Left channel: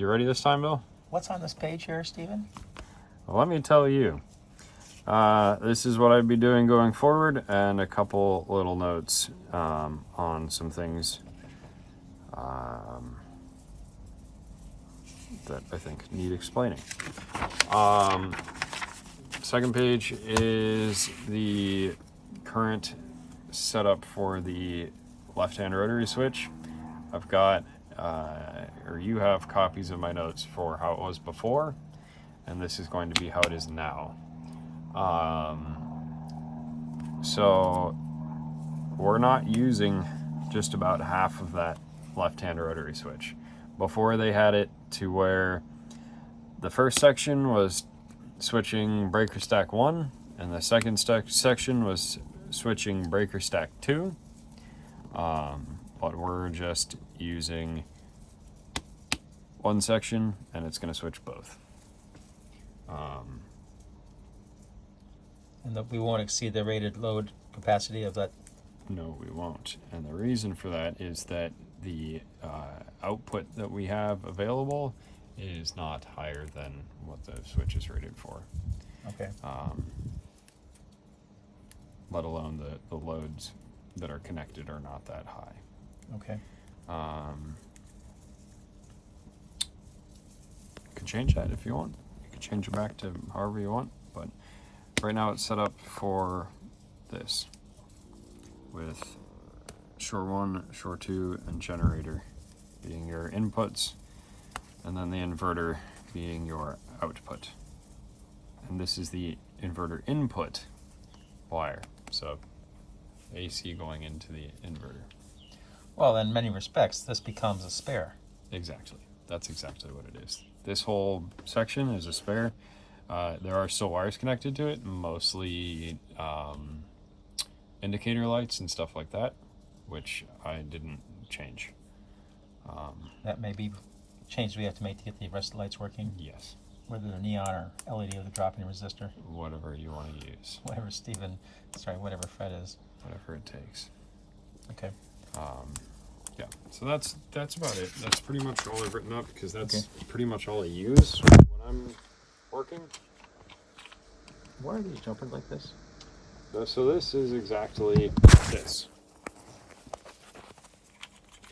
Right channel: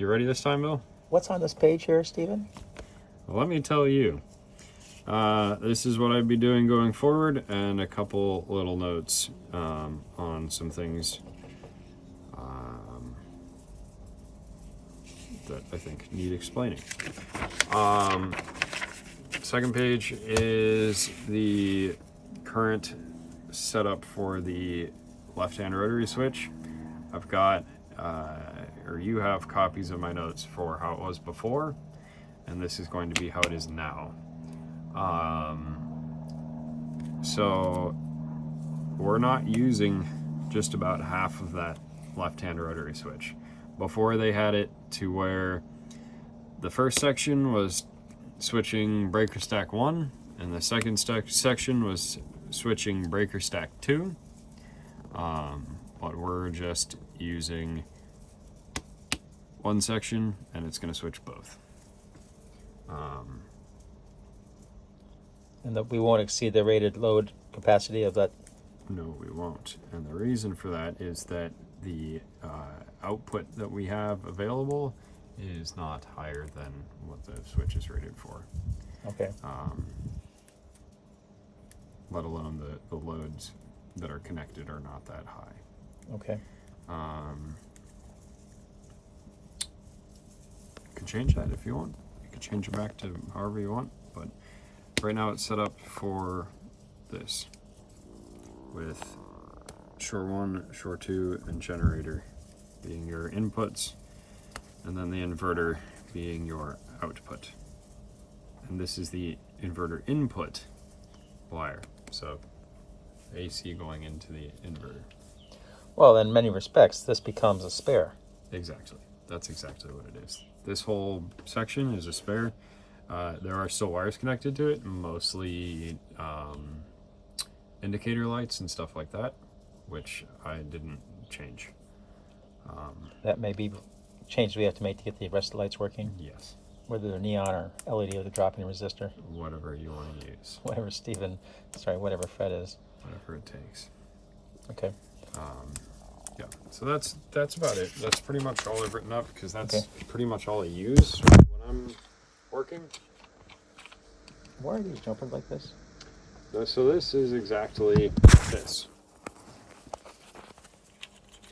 You ready this time, Bill? What's on this page here, Stephen? Well, let me tell you. This is what I'd be doing going forward, and a couple little notes on some things that I think need explaining. Second page is the current setup for the left-hand rotary switch. I've got, or you have copies of my notes for how it was before, and this is going to be how it is now. So we're not using just about half of that left-hand rotary switch. Before, they had it to where the first section was switching breaker stack 1 and the second section was switching breaker stack 2, but we're just using one section and it's going to switch both. And that we won't exceed the rated load capacity of that. No, we won't. And the reason for that is that the output that we have available is not higher than what the switch is rated for. Okay. Let alone the loads that are connected are not that high. Okay. Could change that if you want. You could change it back to however you want, but right now it's set up for this with shore 1, shore 2, and generator being your inputs, and then the inverter being your output. And this is the inverter input wire, so AC going into the inverter. Well, in many respects, this becomes a spare. Exactly. That's exactly what it is. This whole section is a spare. There are still wires connected to it, mostly indicator lights and stuff like that, which I didn't change. That may be changes we have to make to get the rest of the lights working. Yes. Whether they're neon or LED with a drop-in resistor. Whatever you want to use. Whatever whatever Fred is. Whatever it takes. Okay. Yeah, so that's about it. That's pretty much all I've written up, because that's Okay. pretty much all I use when I'm working. Why are these jumping like this? So this is exactly this.